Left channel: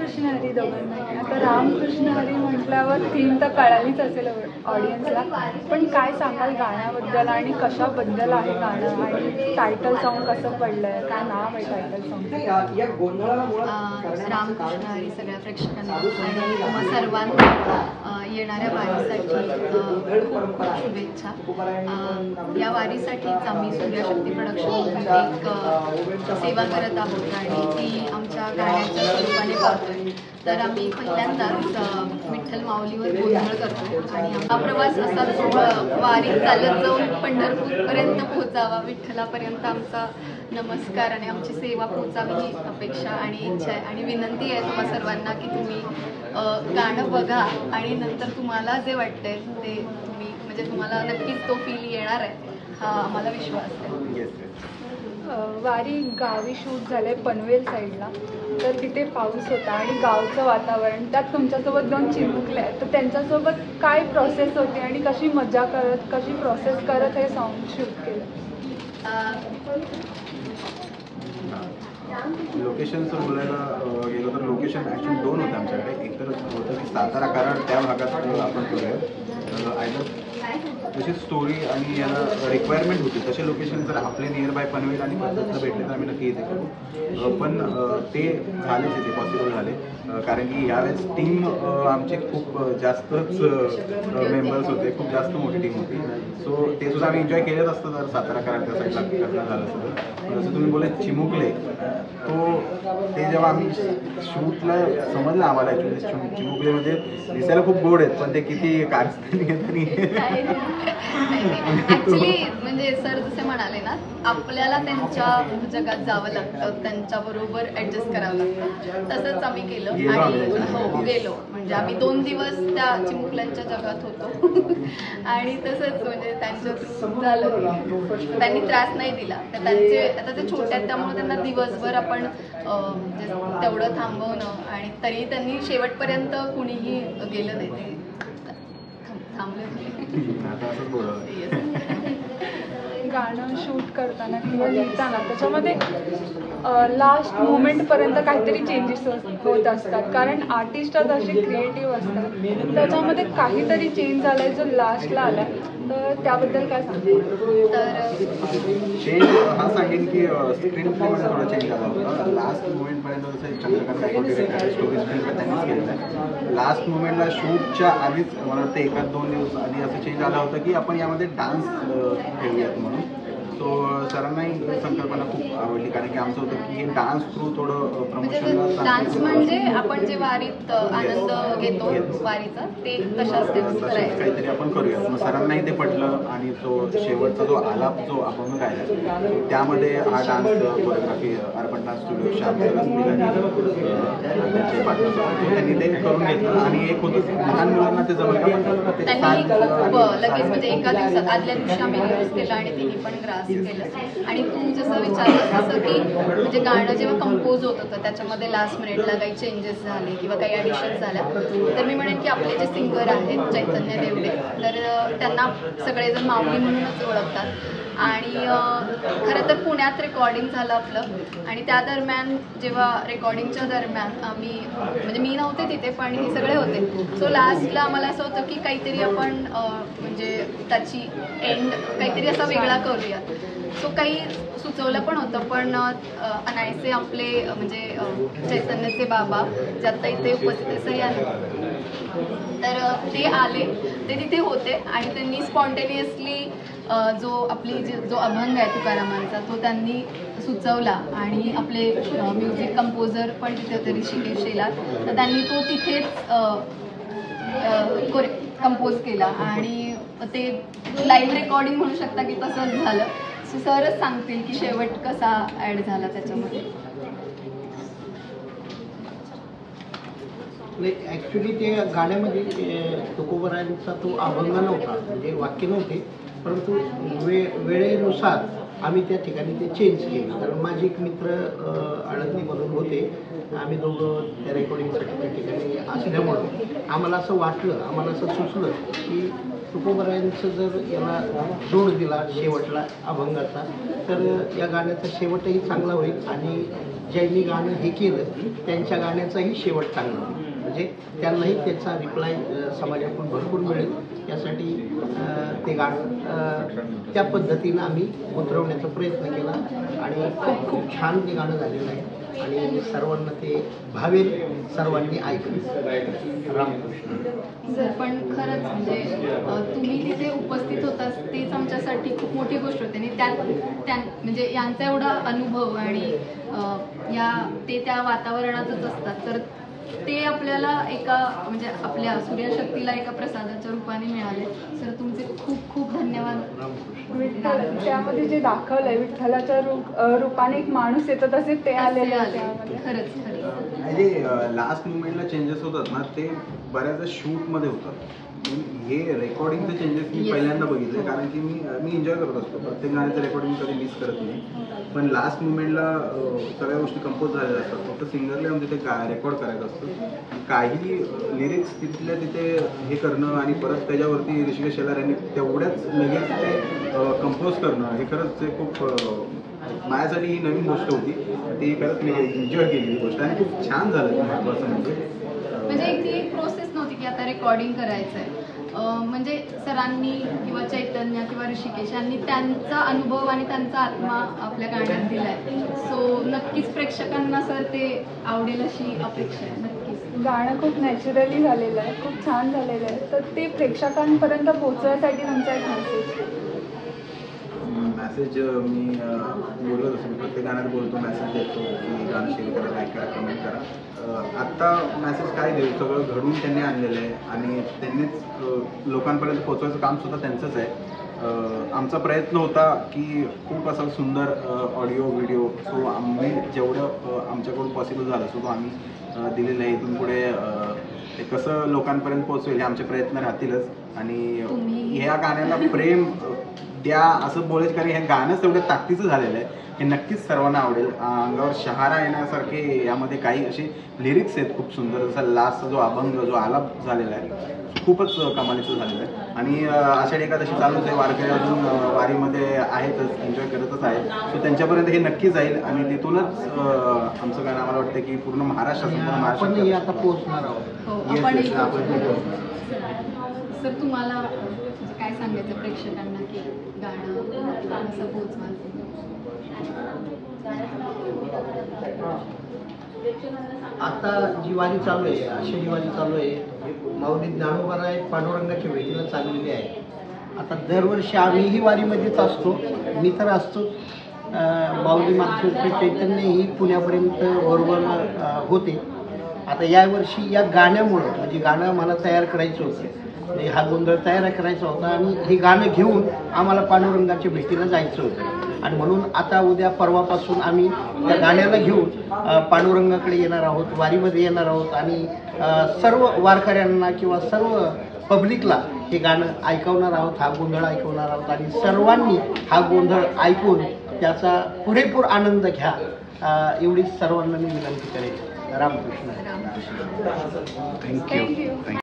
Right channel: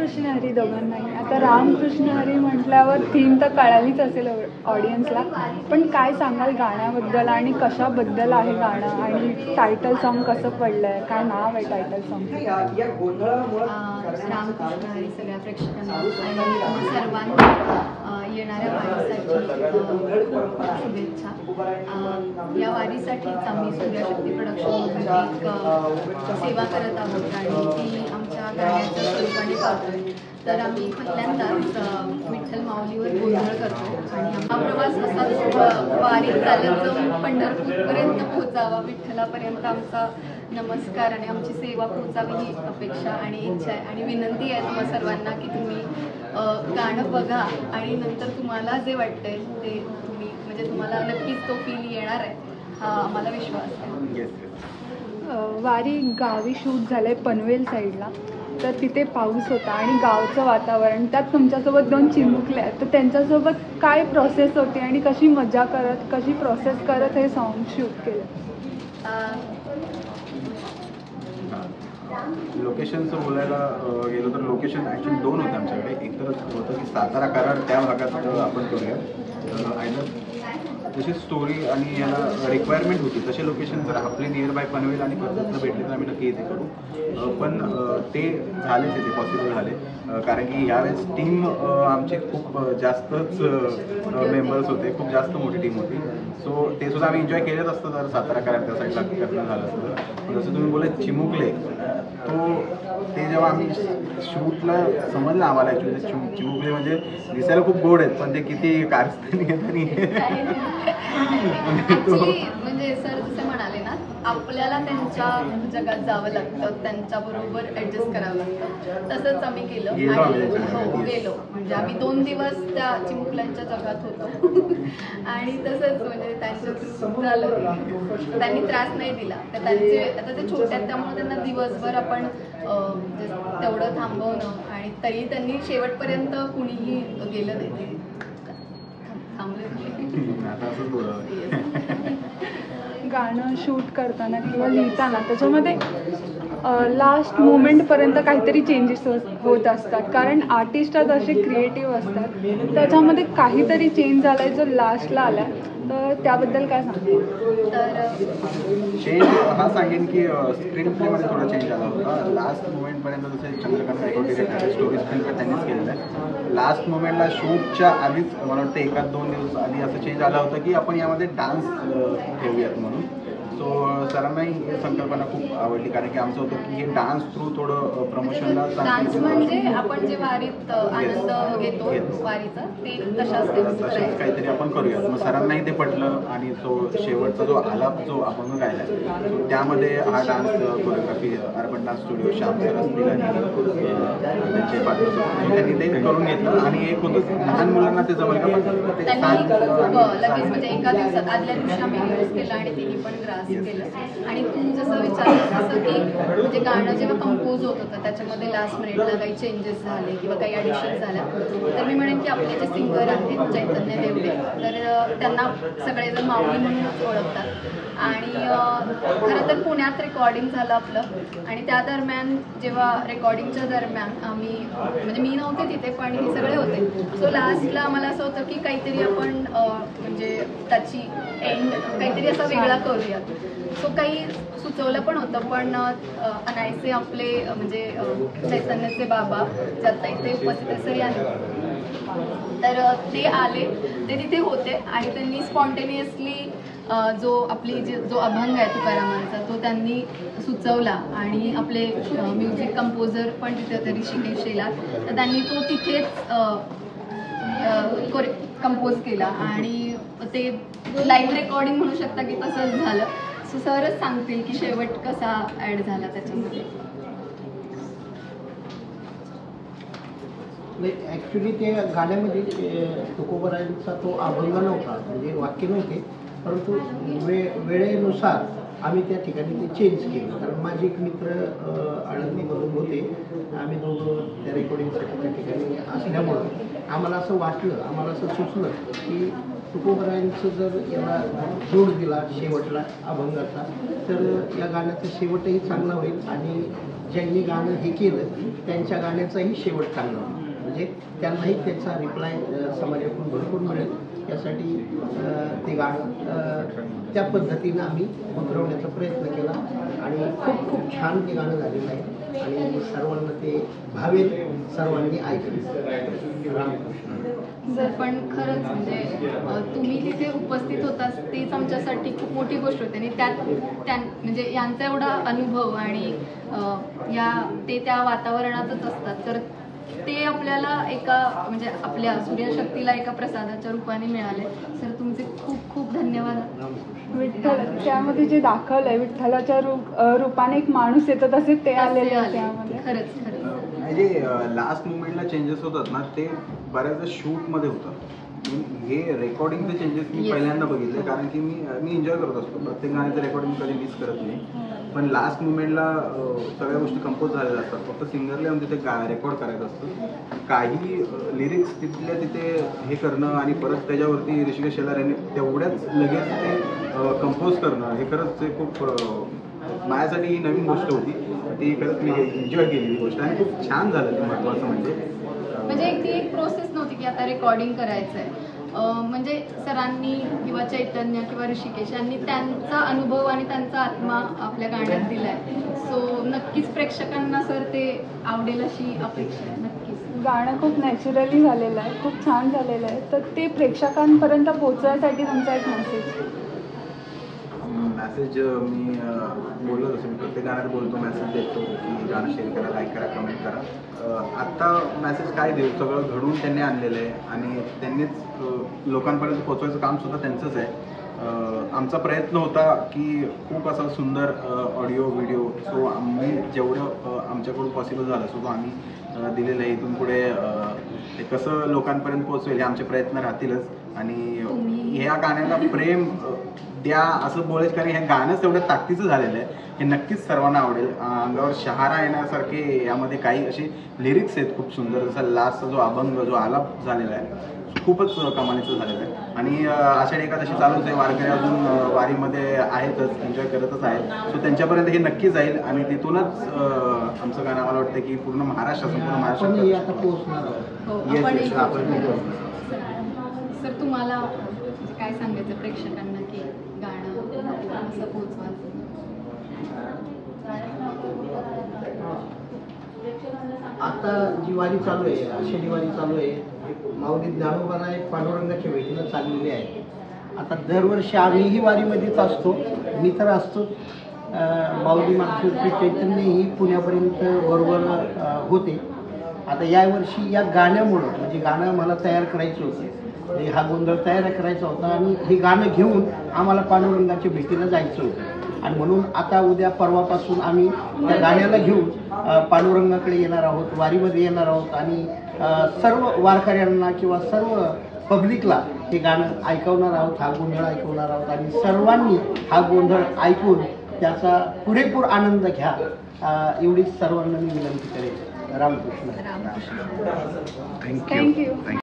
रामकृष्ण हरी दोघांनाही. आता रामकृष्ण हरी म्हटल्यावर थीम तर कळालीच असेल ऑडियन्सला, पण काय सांगाल गाण्याबद्दल आणि कशाबद्दल आहे गाणं आणि टायटल सॉन्ग कसं पडलंय, काय नाव आहे टायटल सॉन्ग? रामकृष्ण हरी सगळ्या प्रेक्षकांना आणि तुम्हा सर्वांना येणाऱ्या वारीसाठी खूप खूप शुभेच्छा. या वारीसाठीच आम्ही सूर्यशक्ती प्रोडक्शनमधून एक सेवा करत आहोत आणि ती आमच्या गाण्याच्या स्वरूपाने करतोय. तर आम्ही पहिल्यांदाच विठ्ठल माऊलीवर गोंधळ करतो आणि हा प्रवास असाच वारीत चालत जाऊन पंढरपूरपर्यंत पोहोचावा, विठ्ठलापर्यंत आमचा नमस्कार आणि आमची सेवा पोहोचावी ही अपेक्षा आणि इच्छा आहे. आणि विनंती आहे तुम्हा सर्वांना की तुम्ही गाणं बघा आणि नंतर तुम्हाला जे वाटतंय ते तुम्ही म्हणजे तुम्हाला नक्कीच तो फील येणार आहे, हा आम्हाला विश्वास आहे. वारी गावी शूट झालंय पनवेल साईडला, तर तिथे पाऊस होता आणि गावचं वातावरण, त्यात तुमच्यासोबत 2 चिमुकले आहेत, तर त्यांच्यासोबत काय प्रोसेस होती आणि कशी मजा करत, कशी प्रोसेस करत हे सॉन्ग शूट केलं? लोकेशनचं बोलायला गेलो तर लोकेशन ॲक्च्युली 2 होते आमच्याकडे. एक तर होतं की सातारा कराड त्या भागात आपण करूया, आयदर तशी स्टोरी आणि याला रिक्वायरमेंट होती तसे लोकेशन जर आपले नियर बाय पनवेल आणि कर्जतला भेटले तर आम्ही नक्की इथे करू. पण ते झालेच इथे पॉसिबल झाले, कारण की यावेळेस टीम आमची खूप जास्तच मेंबर्स होते, खूप जास्त मोठी टीम होती. सो ते सुद्धा आम्ही एन्जॉय केलेच असतं जर सातारा कराड त्या साईडला करणं झालं असतं. जसं तुम्ही बोलले चिमुकले, ते जेव्हा आम्ही शूटला समजलं आम्हाला ॲक्च्युली चिमुकले म्हणजे दिसायला खूप गोड आहेत पण ते किती कारस्थानी आहेत आणि ऍक्च्युली म्हणजे सर जसे म्हणाले ना, आपल्याला त्यांच्या जगात जावं लागतं, त्यांच्याबरोबर ऍडजस्ट करावं लागतं. तसंच आम्ही केलं आणि हो गेलो. म्हणजे आम्ही 2 दिवस त्या चिमुकल्यांच्या जगात होतो आणि तसंच म्हणजे त्यांच्या थ्रू झालं. त्यांनी त्रास नाही दिला. तर त्यांचे आता ते छोटे आहेत त्यामुळे त्यांना दिवसभर आपण तेवढं थांबवणं आणि तरी त्यांनी शेवटपर्यंत कुणीही गेलं नाही, ते थांबले गाणं शूट करताना किंवा लिहिताना त्याच्यामध्ये लास्ट मोमेंटपर्यंत काहीतरी चेंजेस होत असतात, कारण आर्टिस्ट असे क्रिएटिव्ह असतात. त्याच्यामध्ये काहीतरी चेंज झालाय जो लास्टला आलाय, तर त्याबद्दल काय सांगतो? तर चेंज हा सांगेन की स्क्रीन प्लेमध्ये थोडा चेंज आला होता. लास्ट मोमेंटपर्यंत जसं Chandrakant Gaikwad director story screen play त्यांनीच केलेलं आहे. लास्ट मोमेंटला शूटच्या आधीच मला वाटतं 1-2 दिवस आधी असं चेंज आला होता की आपण यामध्ये डान्स ठेवूयात म्हणून. सो सरांनाही संकल्पना खूप आवडली, कारण की आमचं होतं की हे डान्स थ्रू थोडं प्रमोशनला डान्स म्हणजे आपण जे वारीत आनंद घेतो वारीचा ते तशाच तसंच काहीतरी आपण करूयात. मग सरांनाही ते पटलं आणि तो शेवटचा जो आलाप जो अभंग गायला सो त्यामध्ये हा dance choreography urban dance studio Shyam sir असतील आणि त्यांचे पार्टनर्स असतील, त्यांनी ते करून घेतलं. आणि एक होतं लहान मुलांना ते जमलं का, पण त्यांनी खूप लगेच म्हणजे एका दिवसात आदल्या दिवशी आम्ही रिहर्स केलं आणि तिने पण ग्रास केलं. आणि तू जसं विचारलंस तसं की म्हणजे गाणं जेव्हा कंपोज होत होतं त्याच्यामध्ये लास्ट मिनिटला काही चेंजेस झाले किंवा काही ॲडिशन्स झाल्या, तर मी म्हणेन की आपले जे सिंगर आहेत चैतन्य देवडे, तर त्यांना सगळेजण माऊली म्हणूनच ओळखतात. आणि खरं तर पुण्यात रेकॉर्डिंग झालं आपलं आणि त्या दरम्यान जेव्हा रेकॉर्डिंगच्या दरम्यान आम्ही म्हणजे मी नव्हते तिथे पण हे सगळे होते. सो लास्टला आम्हाला असं होतं की काहीतरी आपण म्हणजे त्याची एंड काहीतरी असा वेगळा करूयात. सो काही सुचवलं पण होतं, पण अनायसे आपले म्हणजे चैतन्याचे बाबा जे आत्ता इथे उपस्थित आहे सर आले, तर ते आले, ते तिथे होते आणि त्यांनी स्पॉन्टेनियसली जो अभंग आहे तुकारामांचा तो त्यांनी सुचवला. आणि आपले म्युझिक कंपोजर पण तिथे होते ऋषिकेश शेलार, तर त्यांनी तो तिथेच कंपोज केला आणि ते लाईव्ह रेकॉर्डिंग म्हणू शकता की तसंच झालं. सो सरच सांगतील की शेवट कसा ॲड झाला त्याच्यामध्ये. ॲक्च्युली ते गाण्यामध्ये तुकोबरायांचा तो अभंग नव्हता, म्हणजे वाक्य नव्हते, परंतु वेळेनुसार आम्ही त्या ठिकाणी ते चेंज केलं. कारण माझे एक मित्र आळंदीमधून होते, आम्ही दोघं त्या रेकॉर्डिंगसाठी त्या ठिकाणी असल्यामुळं आम्हाला असं वाटलं, आम्हाला असं सुचलं की तुकोबरायांचं जर याला जोड दिला शेवटला अभंगाचा तर या गाण्याचा शेवटही चांगला होईल आणि ज्यांनी गाणं हे केलं त्यांच्या गाण्याचाही शेवट चांगला होईल, म्हणजे त्यांनाही त्याचा रिप्लाय समाजाकडून भरपूर मिळेल. त्यासाठी ते गाणं त्या पद्धतीनं आम्ही उतरवण्याचा प्रयत्न केला आणि खूप खूप छान ते गाणं झालेलं आहे आणि सर्वांना ते भावेल, सर्वांनी ऐकलं. रामकृष्ण. सर, पण खरंच म्हणजे तुम्ही तिथे उपस्थित होताच तेच आमच्यासाठी खूप मोठी गोष्ट होती आणि त्यात म्हणजे यांचा एवढा अनुभव आणि ते त्या वातावरणातच असतात, तर ते आपल्याला एका म्हणजे आपल्या सूर्यशक्तीला एका प्रसादाच्या रूपाने मिळाले. सर, तुमचे खूप खूप धन्यवाद. विठ्ठल त्यामध्ये जे दाखवलंय विठ्ठलाच्या रूपाने एक माणूस येतो तसे ते तसे आले. त्यामध्ये. खरंच जे लास्ट मुवमेंटला चेंजेस होतात ना ते बऱ्याचदा शूटमध्ये होतात. हे रेकॉर्डिंगचे चेंजेस मी Yes. पहिल्यांदा बघितले, कारण की मी एन्जॉय करत असतो, प्रत्येक गाण्याचं रेकॉर्डिंग कधी मिस करत नाही. पण लास्ट मुवमेंटला सगळ्या गोष्टी कंपोज झालेल्या असतात, फक्त सिंगरला येऊन तिथे रेकॉर्ड करायचं असतं. काही लिरिक्स तिथल्या तिथे हे करणं आणि परत त्याच्यावरती ऋषिकेश शेलार यांनी तेवढ्याच लगेच ते कंपोज करणं, हे खरंच ते खूप माझ्यासाठी ही नवीन गोष्ट होती. ती खरंच मी एन्जॉय केली ही गोष्ट आणि खूप छान झालं ते. महत्त्वाचं म्हणजे ती एक प्रोसेस नव्हती की आता रेकॉर्डिंग करायचं आहे. म्हणजे सरांनी किंवा चैतन्य किंवा ऋषिकेश यांनी त्यांचा अनुभव आणि त्यांचा आत्मा आपल्या गाण्यात दिलाय. सो नक्कीच प्रेक्षकांना सर ते आवडेल अशी अपेक्षा आहे. नक्कीच गाणं खूप नॅचरली झालेलं आहे, खूप छान झालेलं आहे, तर ते प्रेक्षकांपर्यंत पोहोचवण्यासाठी तुमचा एक मेसेज मी बोललो, जसं मी प्रत्येक गाण्यात बोलतो, मेसेज देतो की गाणं शेअर करा, लाईक करा, कमेंट करा. आत्ता मेसेज काय देऊ, सगळं घडवून त्यांनी आणलेलं आहे आणि त्यांनीच लोकांपर्यंत पोहोचवायचं काम सुद्धा त्यांचंच आहे. आमचा प्रयत्न होता की खूप असा सुंदर ऑडिओ व्हिडिओ, सो आम्ही जेवढं आमच्याकडून पॉसिबल झालं सो तो आम्ही दिलेलं आहे. इथून पुढे ते कसं लोकांपर्यंत पोहोचवेल हे आमचे प्रयत्न राहतीलच आणि ह्या गाण्याला प्रेम द्या असं बोलायचं, कारण हे गाणंच तेवढं ताकदीचं झालेलं आहे. हे नक्कीच सर्वांना आवडेल. अंगावर शहारा येण्यासारखे यामध्ये काही असे लिरिक्स आहेत खूप सुंदर, जसा लास्टचा जो अभंग जो आलाप झालेला आहे खूपच कमालीचं झालेलं आहे. आणि आषाढी एकादशी चालूच आहे, वारकरी अजून वारीमध्ये आहेतच, एन्जॉय करतच आहेत. सो त्यांच्यापर्यंत हे नक्की जाईल आणि तिथूनच आमचं गाणं आम्हाला वाटतं की पूर्ण महाराष्ट्र, संपूर्ण आपणही महाराष्ट्र आता पोहोचणार आहोत. हो, Yes, आपणही yes, आपण पोहोचणार. सर, तुम्हाला म्हणजे काय सांगायचं प्रेक्षकांना की गाणं असं पोहोचवाल? आता जी वारी चालू आहे, आषाढी वारी चालू आहे, माऊली ज्ञानोबाराय पांडुरंगाच्या भेटीला चाललेली आहे. आता दरवर्षी आम्हीही वारीमध्येच असतो, मी तर असतोच. माऊली मागच्या चैतन्य ही पुण्यापर्यंत वरवर होते. आता यावर्षी या गाण्यामुळं, म्हणजे गाणं मला तयार करायचं होतं, म्हणजे हा गोंधळ तयार करायचा होता आणि हे गाणं घेऊन आम्हाला पांडुरंगाच्या भेटीला जायचं होतं. आणि म्हणून आता उद्या परवापासून आम्ही त्या गाण्याला घेऊन पांडुरंगाकडे येणार आहोत, वारीमध्ये येणार आहोत आणि सर्व वारकऱ्यांना किंवा सर्व पब्लिकला हे गाणं ऐकवणार आहोत, हा गोंधळ ऐकवणार आहोत आणि सर्वांनी हा गोंधळ ऐकून त्याचा पुरेपूर आनंद घ्या, एवढीच सर्वांना मी विनंती करेन. रामकृष्ण. रामकृष्ण. थँक्यू.